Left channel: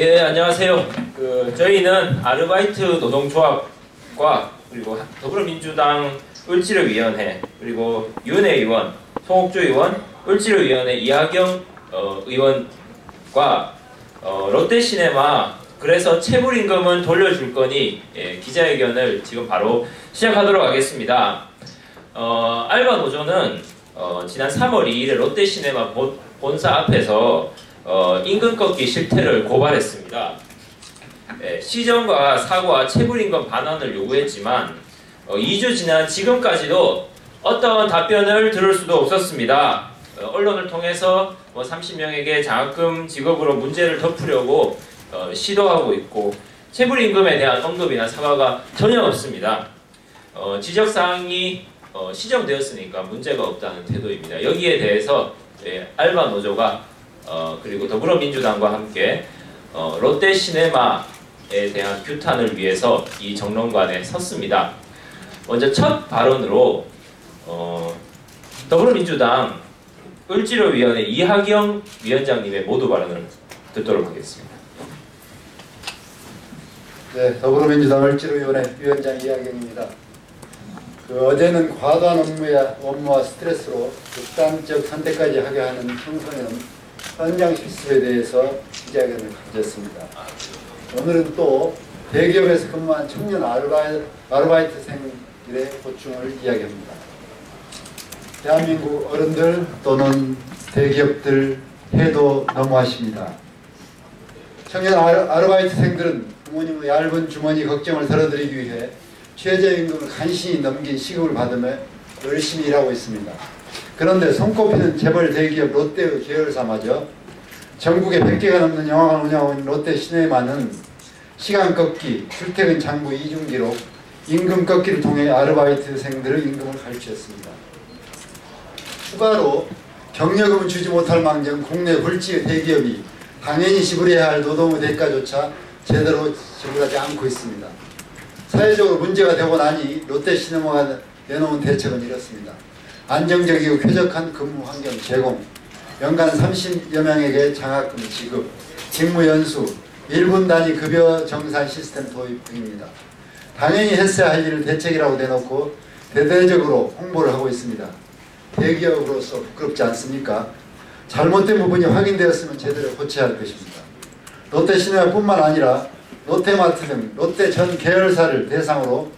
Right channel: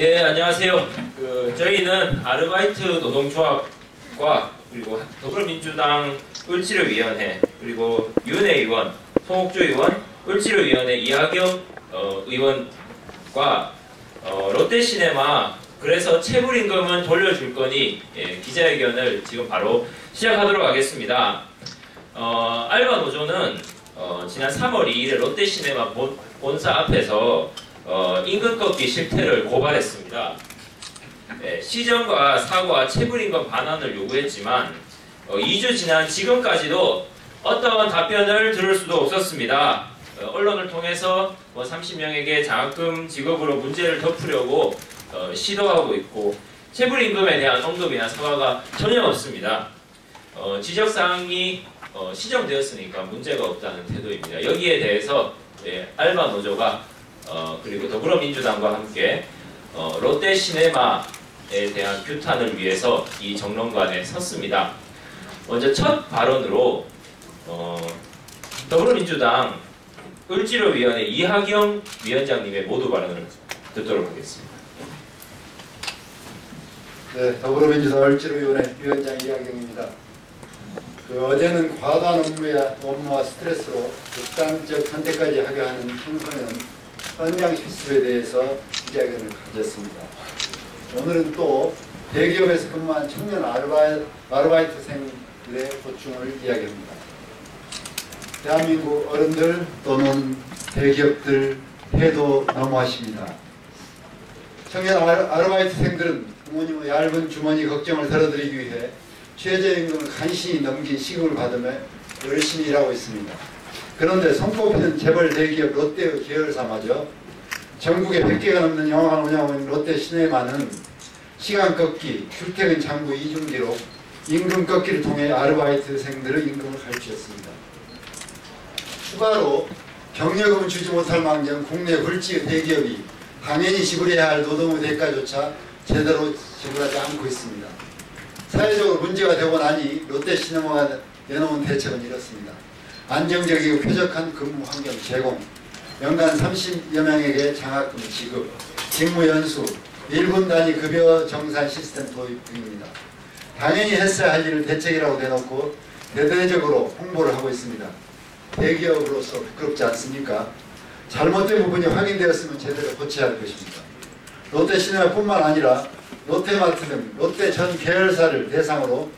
예, 안녕하세요. 저희는 아르바이트 노동조합과 그리고 더불어민주당 을지로위원회 그리고 윤회 의원, 송옥주 의원, 을지로위원회 이하경 의원과 롯데시네마 그래서 체불임금은 돌려줄 거니 기자회견을 지금 바로 시작하도록 하겠습니다. 알바 노조는 지난 3월 2일에 롯데시네마 본사 앞에서 임금 꺾기 실태를 고발했습니다. 시정과 사과, 체불임금 반환을 요구했지만 2주 지난 지금까지도 어떠한 답변을 들을 수도 없었습니다. 언론을 통해서 30명에게 장학금 지급으로 문제를 덮으려고 시도하고 있고 체불임금에 대한 언급이나 사과가 전혀 없습니다. 지적사항이 시정되었으니까 문제가 없다는 태도입니다. 여기에 대해서 알바 노조가 그리고 더불어민주당과 함께 롯데시네마에 대한 규탄을 위해서 이 정론관에 섰습니다. 먼저 첫 발언으로 더불어민주당 을지로위원회 이하경 위원장님의 모두 발언을 듣도록 하겠습니다. 네, 더불어민주당 을지로위원회 위원장 이하경입니다. 어제는 과도한 업무와 스트레스로 극단적 선택까지 하게 하는 청소년 현장 실습에 대해서 기자회견을 가졌습니다. 오늘은 또 대기업에서 근무한 청년 아르바이트생들의 고충을 이야기합니다. 대한민국 어른들 또는 대기업들 해도 너무하십니다. 청년 아르바이트생들은 부모님의 얇은 주머니 걱정을 덜어드리기 위해 최저임금을 간신히 넘긴 시급을 받으며 열심히 일하고 있습니다. 그런데 손꼽히는 재벌 대기업 롯데의 계열사마저 전국에 100개가 넘는 영화관 운영하는 롯데시네마는 시간 꺾기, 출퇴근 장부 이중기록, 임금 꺾기를 통해 아르바이트생들의 임금을 갈취했습니다. 추가로 경력금을 주지 못할 망정 국내 굴지 대기업이 당연히 지불해야 할 노동의 대가조차 제대로 지불하지 않고 있습니다. 사회적으로 문제가 되고 나니 롯데시네마가 내놓은 대책은 이렇습니다. 안정적이고 쾌적한 근무 환경 제공, 연간 30여 명에게 장학금 지급, 직무 연수, 1분 단위 급여 정산 시스템 도입 등입니다. 당연히 했어야 할 일을 대책이라고 내놓고 대대적으로 홍보를 하고 있습니다. 대기업으로서 부끄럽지 않습니까? 잘못된 부분이 확인되었으면 제대로 고쳐야 할 것입니다. 롯데시네마뿐만 아니라 롯데마트 등 롯데 전 계열사를 대상으로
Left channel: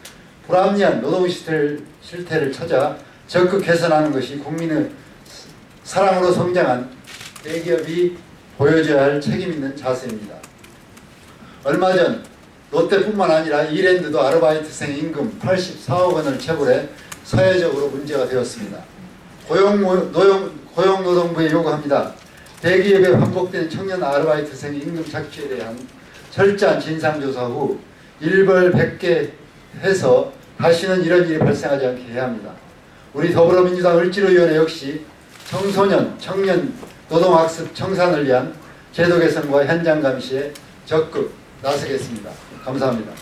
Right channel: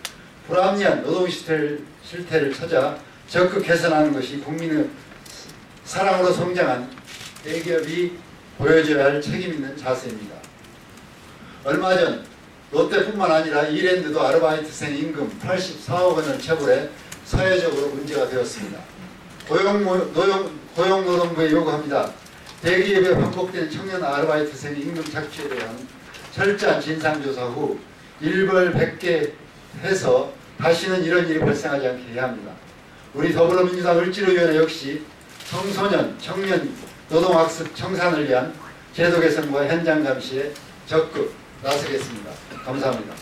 불합리한 노동 실태를 찾아 적극 개선하는 것이 국민의 사랑으로 성장한 대기업이 보여줘야 할 책임 있는 자세입니다. 얼마 전 롯데뿐만 아니라 이랜드도 아르바이트생 임금 84억 원을 체불해 사회적으로 문제가 되었습니다. 고용노동부에 요구합니다. 대기업에 반복된 청년 아르바이트생 임금 착취에 대한 철저한 진상조사 후 일벌백계 해서 다시는 이런 일이 발생하지 않게 해야 합니다. 우리 더불어민주당 을지로위원회 역시 청소년, 청년 노동학습 청산을 위한 제도 개선과 현장 감시에 적극 나서겠습니다. 감사합니다.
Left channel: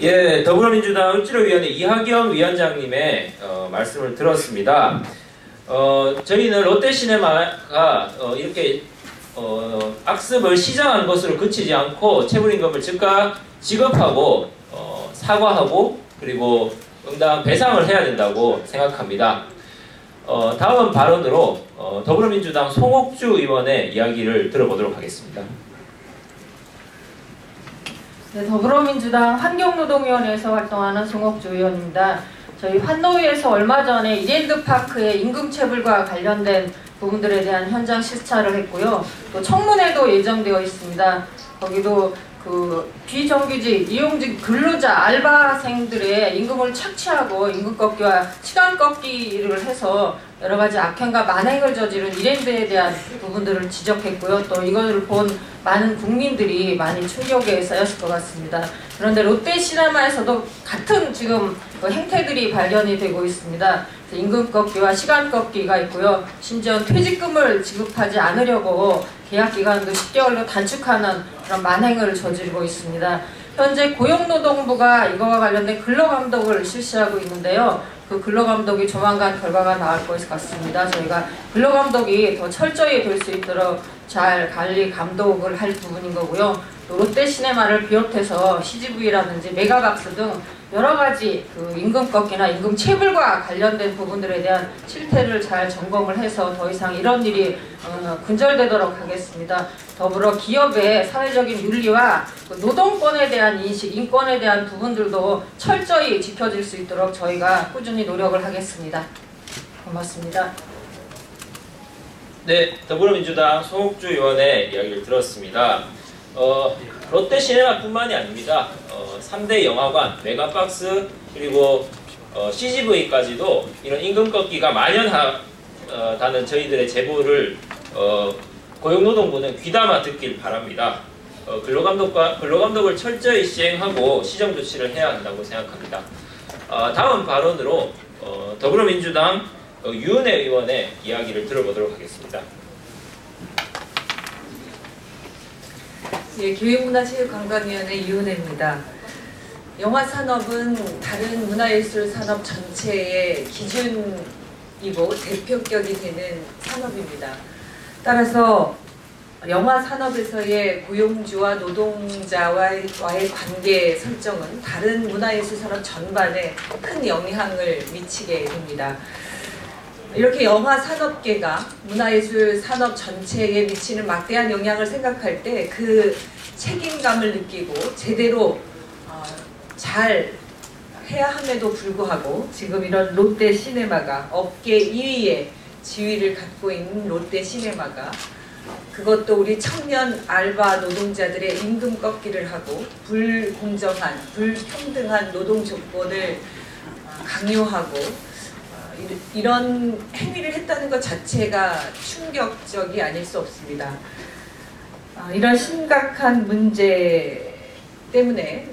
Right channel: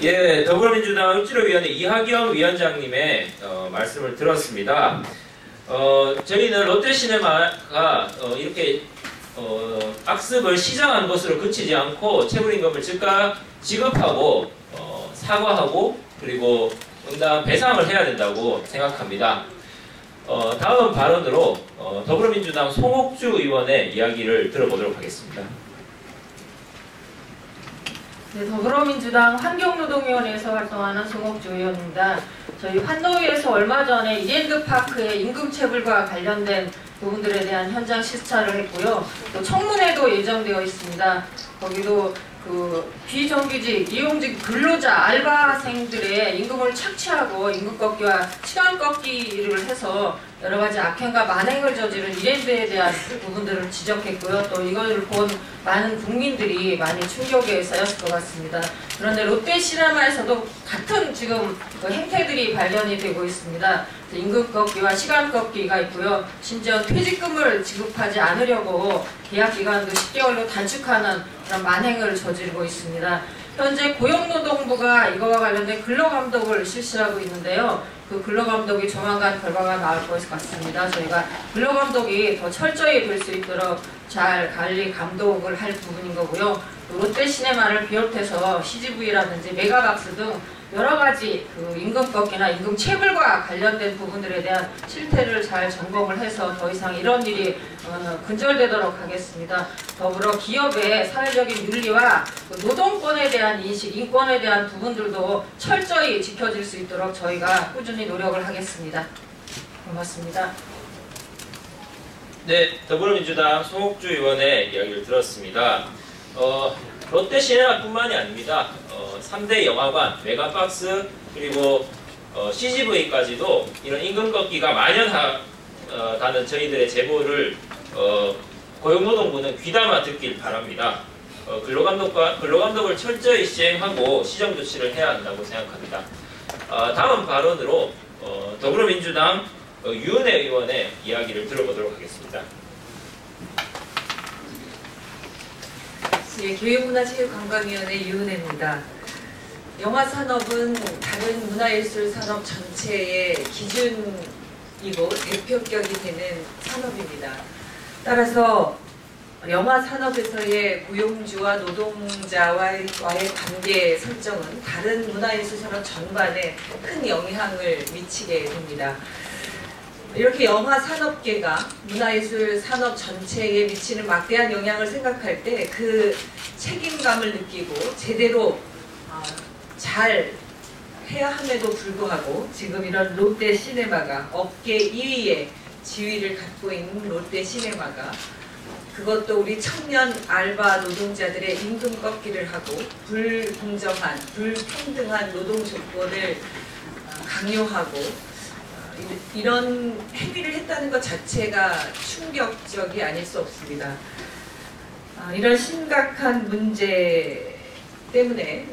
예, 더불어민주당 을지로위원회 이하경 위원장님의 말씀을 들었습니다. 저희는 롯데시네마가 이렇게 악습을 시정한 것으로 그치지 않고 체불임금을 즉각 지급하고 사과하고 그리고 응당 배상을 해야 된다고 생각합니다. 다음 발언으로 더불어민주당 송옥주 의원의 이야기를 들어보도록 하겠습니다. 네, 더불어민주당 환경노동위원회에서 활동하는 송옥주 의원입니다. 저희 환노위에서 얼마 전에 이랜드파크의 임금체불과 관련된 부분들에 대한 현장 시찰을 했고요. 또 청문회도 예정되어 있습니다. 거기도 비정규직, 이용직 근로자, 알바생들의 임금을 착취하고 임금 꺾기와 시간 꺾기를 해서 여러 가지 악행과 만행을 저지른 이랜드에 대한 부분들을 지적했고요. 또 이걸 본 많은 국민들이 많이 충격에 쌓였을 것 같습니다. 그런데 롯데시네마에서도 같은 지금 행태들이 발견이 되고 있습니다. 임금 꺾기와 시간 꺾기가 있고요. 심지어 퇴직금을 지급하지 않으려고 계약 기간도 10개월로 단축하는 그런 만행을 저지르고 있습니다. 현재 고용노동부가 이거와 관련된 근로감독을 실시하고 있는데요. 그 근로감독이 조만간 결과가 나올 것 같습니다. 저희가 근로감독이 더 철저히 될 수 있도록 잘 관리 감독을 할 부분인 거고요. 또 롯데시네마를 비롯해서 CGV라든지 메가박스 등 여러 가지 그 임금 꺾기나 임금 체불과 관련된 부분들에 대한 실태를 잘 점검을 해서 더 이상 이런 일이 근절되도록 하겠습니다. 더불어 기업의 사회적인 윤리와 노동권에 대한 인식, 인권에 대한 부분들도 철저히 지켜질 수 있도록 저희가 꾸준히 노력을 하겠습니다. 고맙습니다. 네, 더불어민주당 송옥주 의원의 이야기를 들었습니다. 롯데시네마뿐만이 아닙니다. 3대 영화관, 메가박스, 그리고 CGV까지도 이런 임금 꺾기가 만연하다는 저희들의 제보를 고용노동부는 귀담아 듣길 바랍니다. 근로감독을 철저히 시행하고 시정 조치를 해야 한다고 생각합니다. 다음 발언으로 더불어민주당 유은혜 의원의 이야기를 들어보도록 하겠습니다. 예, 교육문화체육관광위원회 유은혜입니다. 영화산업은 다른 문화예술 산업 전체의 기준이고 대표격이 되는 산업입니다. 따라서 영화산업에서의 고용주와 노동자와의 관계 설정은 다른 문화예술 산업 전반에 큰 영향을 미치게 됩니다. 이렇게 영화산업계가 문화예술 산업 전체에 미치는 막대한 영향을 생각할 때 그 책임감을 느끼고 제대로 잘 해야 함에도 불구하고 지금 이런 롯데시네마가 업계 2위의 지위를 갖고 있는 롯데시네마가 그것도 우리 청년 알바 노동자들의 임금 꺾기를 하고 불공정한, 불평등한 노동 조건을 강요하고 이런 행위를 했다는 것 자체가 충격적이 아닐 수 없습니다. 이런 심각한 문제 때문에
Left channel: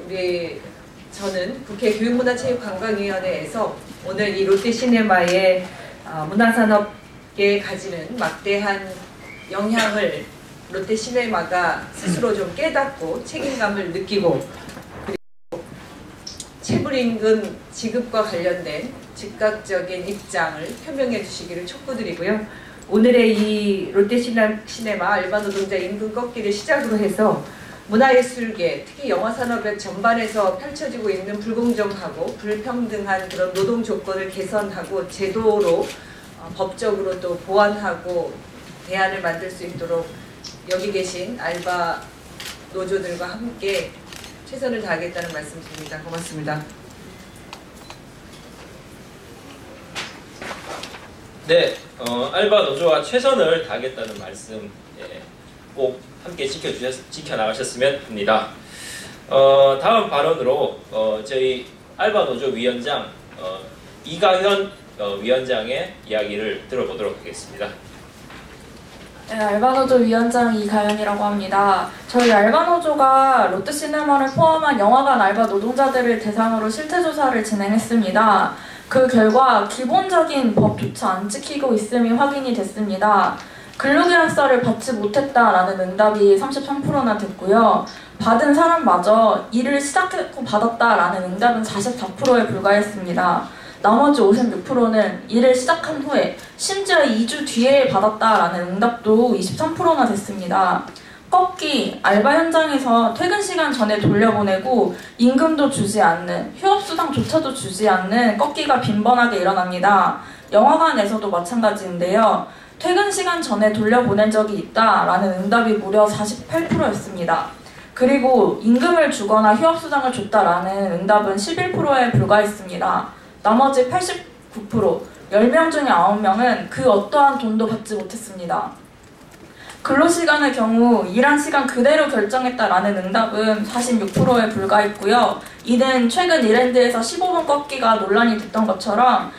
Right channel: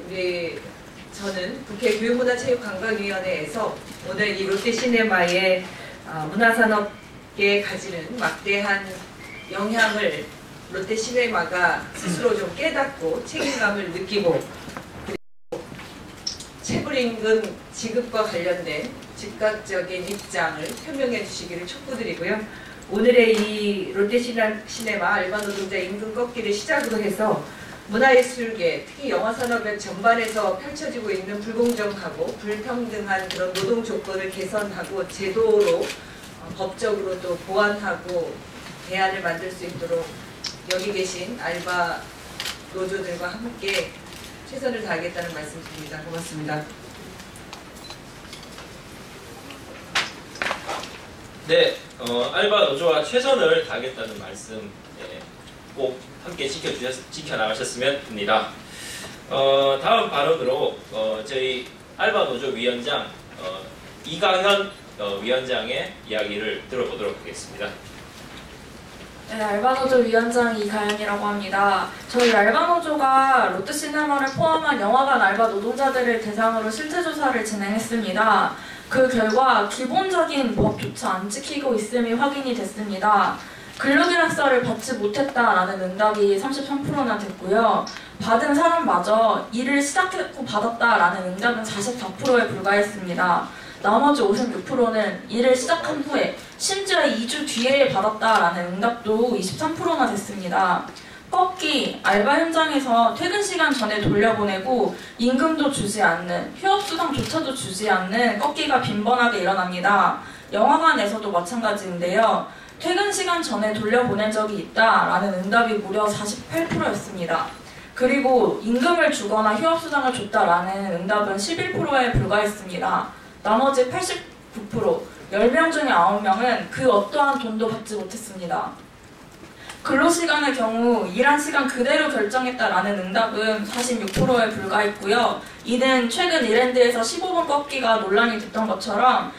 저는 국회 교육문화체육관광위원회에서 오늘 이 롯데시네마의 문화산업계에 가지는 막대한 영향을 롯데시네마가 스스로 좀 깨닫고 책임감을 느끼고 그리고 체불임금 지급과 관련된 즉각적인 입장을 표명해 주시기를 촉구드리고요. 오늘의 이 롯데시네마 알바 노동자 임금 꺾기를 시작으로 해서 문화예술계, 특히 영화산업의 전반에서 펼쳐지고 있는 불공정하고 불평등한 그런 노동 조건을 개선하고 제도로 법적으로 또 보완하고 대안을 만들 수 있도록 여기 계신 알바 노조들과 함께 최선을 다하겠다는 말씀드립니다. 고맙습니다. 네, 알바 노조와 최선을 다하겠다는 말씀 꼭 함께 지켜나가셨으면 합니다. 다음 발언으로 저희 알바 노조 위원장 이가현 위원장의 이야기를 들어보도록 하겠습니다. 네, 알바노조 위원장 이가연이라고 합니다. 저희 알바노조가 롯데시네마를 포함한 영화관 알바 노동자들을 대상으로 실태조사를 진행했습니다. 그 결과 기본적인 법조차 안 지키고 있음이 확인이 됐습니다. 근로계약서를 받지 못했다라는 응답이 33%나 됐고요. 받은 사람마저 일을 시작했고 받았다라는 응답은 44%에 불과했습니다. 나머지 56%는 일을 시작한 후에 심지어 2주 뒤에 받았다라는 응답도 23%나 됐습니다. 꺾기, 알바 현장에서 퇴근 시간 전에 돌려보내고 임금도 주지 않는, 휴업수당조차도 주지 않는 꺾기가 빈번하게 일어납니다. 영화관에서도 마찬가지인데요. 퇴근 시간 전에 돌려보낸 적이 있다라는 응답이 무려 48%였습니다. 그리고 임금을 주거나 휴업수당을 줬다라는 응답은 11%에 불과했습니다. 나머지 89%, 10명 중에 9명은 그 어떠한 돈도 받지 못했습니다. 근로시간의 경우 일한 시간 그대로 결정했다라는 응답은 46%에 불과했고요. 이는 최근 이랜드에서 15분 꺾기가 논란이 됐던 것처럼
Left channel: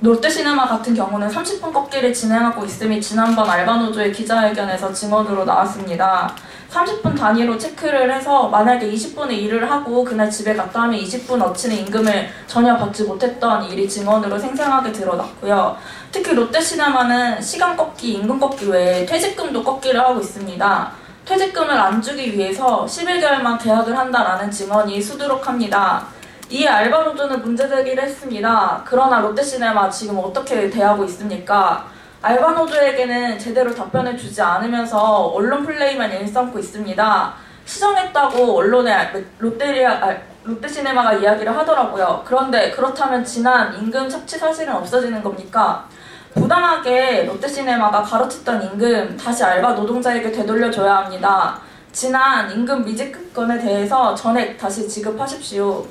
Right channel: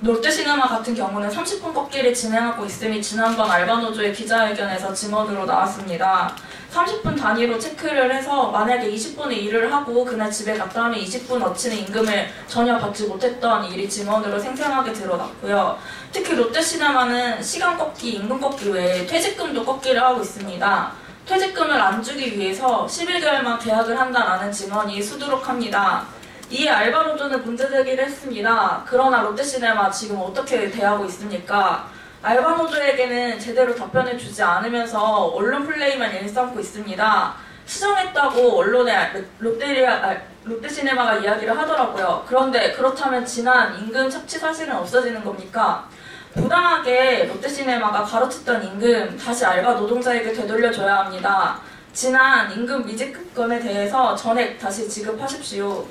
롯데시네마 같은 경우는 30분 꺾기를 진행하고 있음이 지난번 알바노조의 기자회견에서 증언으로 나왔습니다. 30분 단위로 체크를 해서 만약에 20분의 일을 하고 그날 집에 갔다 하면 20분 어치는 임금을 전혀 받지 못했던 일이 증언으로 생생하게 드러났고요. 특히 롯데시네마는 시간 꺾기, 임금 꺾기 외에 퇴직금도 꺾기를 하고 있습니다. 퇴직금을 안 주기 위해서 11개월만 계약을 한다라는 증언이 수두룩합니다. 이에 알바노조는 문제제기를 했습니다. 그러나 롯데시네마 지금 어떻게 대하고 있습니까? 알바 노조에게는 제대로 답변을 주지 않으면서 언론 플레이만 일삼고 있습니다. 시정했다고 언론에 롯데시네마가 이야기를 하더라고요. 그런데 그렇다면 지난 임금 착취 사실은 없어지는 겁니까? 부당하게 롯데시네마가 가로챘던 임금 다시 알바 노동자에게 되돌려줘야 합니다. 지난 임금 미지급건에 대해서 전액 다시 지급하십시오.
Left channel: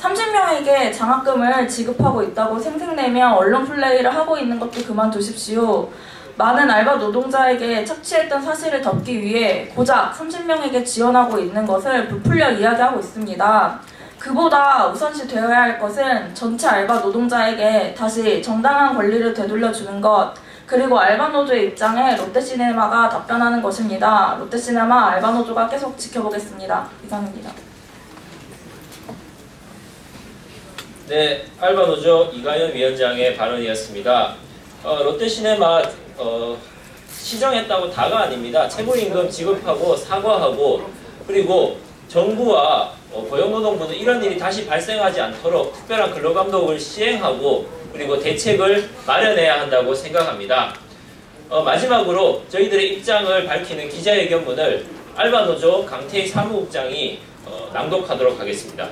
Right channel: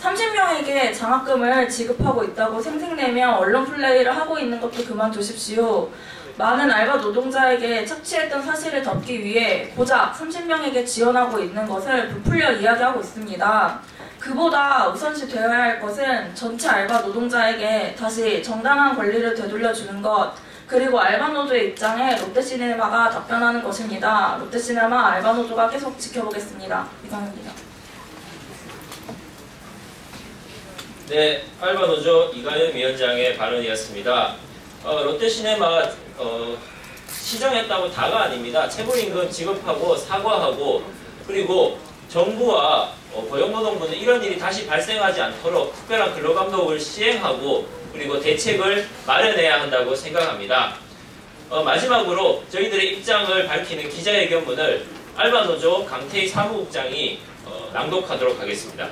30명에게 장학금을 지급하고 있다고 생색내며 언론 플레이를 하고 있는 것도 그만두십시오. 많은 알바 노동자에게 착취했던 사실을 덮기 위해 고작 30명에게 지원하고 있는 것을 부풀려 이야기하고 있습니다. 그보다 우선시 되어야 할 것은 전체 알바 노동자에게 다시 정당한 권리를 되돌려주는 것, 그리고 알바노조의 입장에 롯데시네마가 답변하는 것입니다. 롯데시네마 알바노조가 계속 지켜보겠습니다. 이상입니다. 네, 알바노조 이가연 위원장의 발언이었습니다. 롯데시네마 시정했다고 다가 아닙니다. 체불임금 지급하고 사과하고, 그리고 정부와 고용노동부는 이런 일이 다시 발생하지 않도록 특별한 근로감독을 시행하고, 그리고 대책을 마련해야 한다고 생각합니다. 마지막으로 저희들의 입장을 밝히는 기자회견문을 알바노조 강태희 사무국장이 낭독하도록 하겠습니다.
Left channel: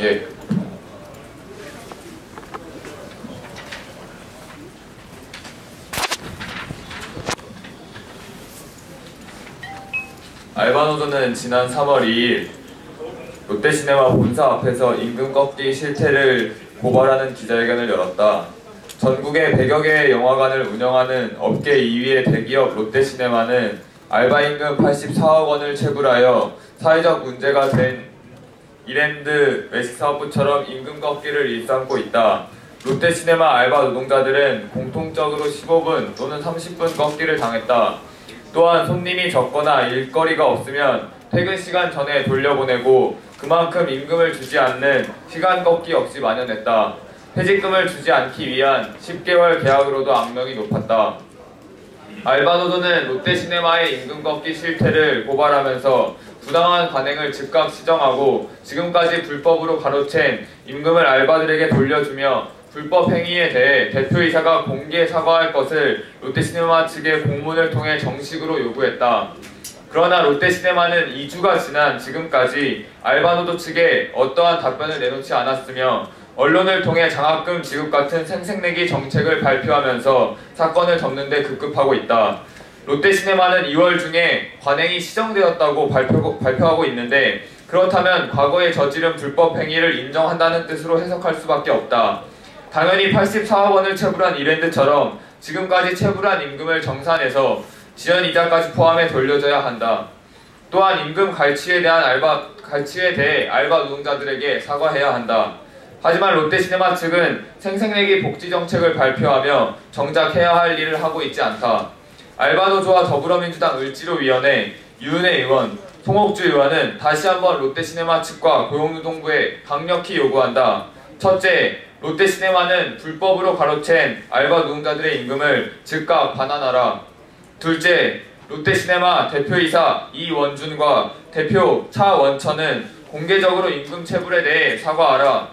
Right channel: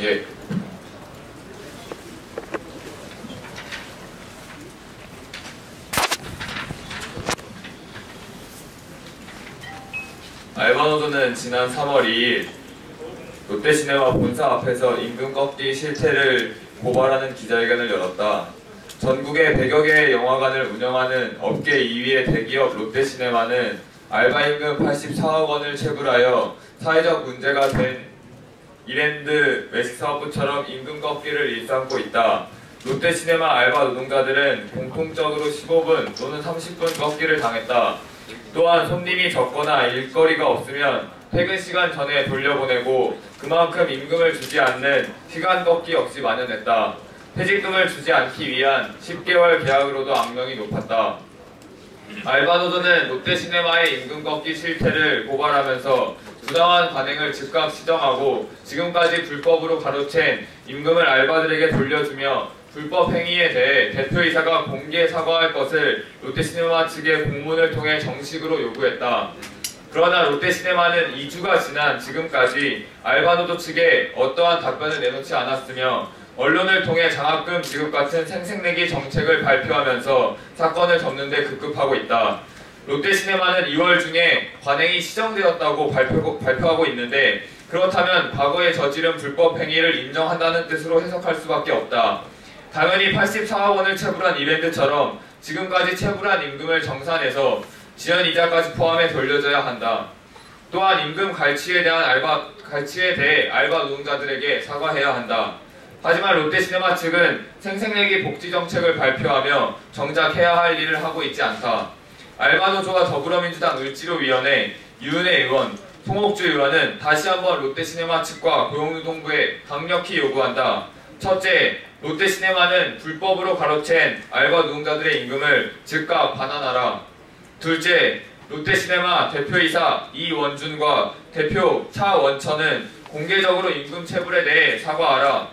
예. 알바노조는 지난 3월 2일 롯데시네마 본사 앞에서 임금 꺾기 실태를 고발하는 기자회견을 열었다. 전국에 100여 개의 영화관을 운영하는 업계 2위의 대기업 롯데시네마는 알바 임금 84억 원을 체불하여 사회적 문제가 된 이랜드 외식사업부처럼 임금 꺾기를 일삼고 있다. 롯데시네마 알바 노동자들은 공통적으로 15분 또는 30분 꺾기를 당했다. 또한 손님이 적거나 일거리가 없으면 퇴근 시간 전에 돌려보내고 그만큼 임금을 주지 않는 시간 꺾기 역시 만연했다. 퇴직금을 주지 않기 위한 10개월 계약으로도 악명이 높았다. 알바노조는 롯데시네마의 임금 꺾기 실태를 고발하면서 부당한 관행을 즉각 시정하고 지금까지 불법으로 가로챈 임금을 알바들에게 돌려주며 불법 행위에 대해 대표이사가 공개 사과할 것을 롯데시네마 측에 공문을 통해 정식으로 요구했다. 그러나 롯데시네마는 2주가 지난 지금까지 알바노조 측에 어떠한 답변을 내놓지 않았으며 언론을 통해 장학금 지급 같은 생색내기 정책을 발표하면서 사건을 접는 데 급급하고 있다. 롯데시네마는 2월 중에 관행이 시정되었다고 발표하고 있는데 그렇다면 과거에 저지른 불법 행위를 인정한다는 뜻으로 해석할 수밖에 없다. 당연히 84억 원을 체불한 이랜드처럼 지금까지 체불한 임금을 정산해서 지연이자까지 포함해 돌려줘야 한다. 또한 임금 갈취에 대해 알바 노동자들에게 사과해야 한다. 하지만 롯데시네마 측은 생색내기 복지 정책을 발표하며 정작 해야 할 일을 하고 있지 않다. 알바노조와 더불어민주당 을지로위원회, 유은혜 의원, 송옥주 의원은 다시 한번 롯데시네마 측과 고용노동부에 강력히 요구한다. 첫째, 롯데시네마는 불법으로 가로챈 알바 노동자들의 임금을 즉각 반환하라. 둘째, 롯데시네마 대표이사 이원준과 대표 차원천은 공개적으로 임금 체불에 대해 사과하라.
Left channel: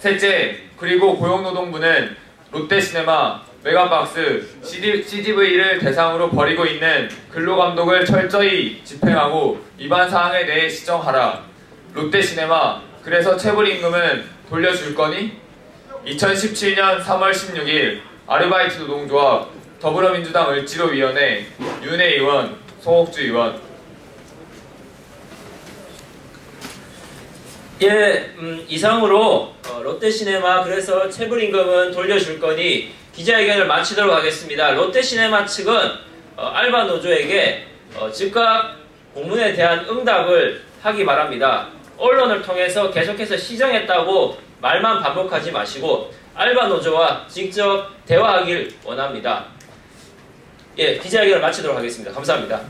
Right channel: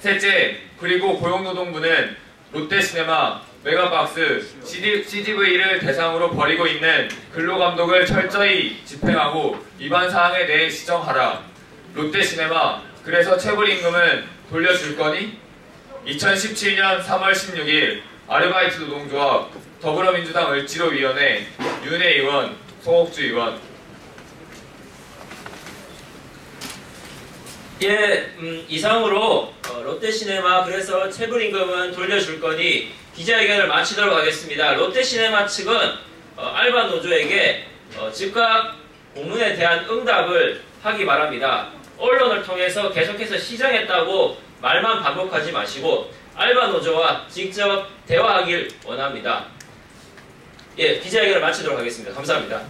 셋째, 그리고 고용노동부는 롯데시네마, 메가박스, CGV를 대상으로 벌이고 있는 근로감독을 철저히 집행하고 위반 사항에 대해 시정하라. 롯데시네마, 그래서 체불임금은 돌려줄 거니? 2017년 3월 16일 아르바이트 노동조합, 더불어민주당 을지로위원회, 윤혜 의원, 송옥주 의원. 예, 이상으로 롯데시네마 그래서 체불임금은 돌려줄 거니 기자회견을 마치도록 하겠습니다. 롯데시네마 측은 알바노조에게 즉각 공문에 대한 응답을 하기 바랍니다. 언론을 통해서 계속해서 시정했다고 말만 반복하지 마시고 알바노조와 직접 대화하길 원합니다. 예, 기자회견을 마치도록 하겠습니다. 감사합니다.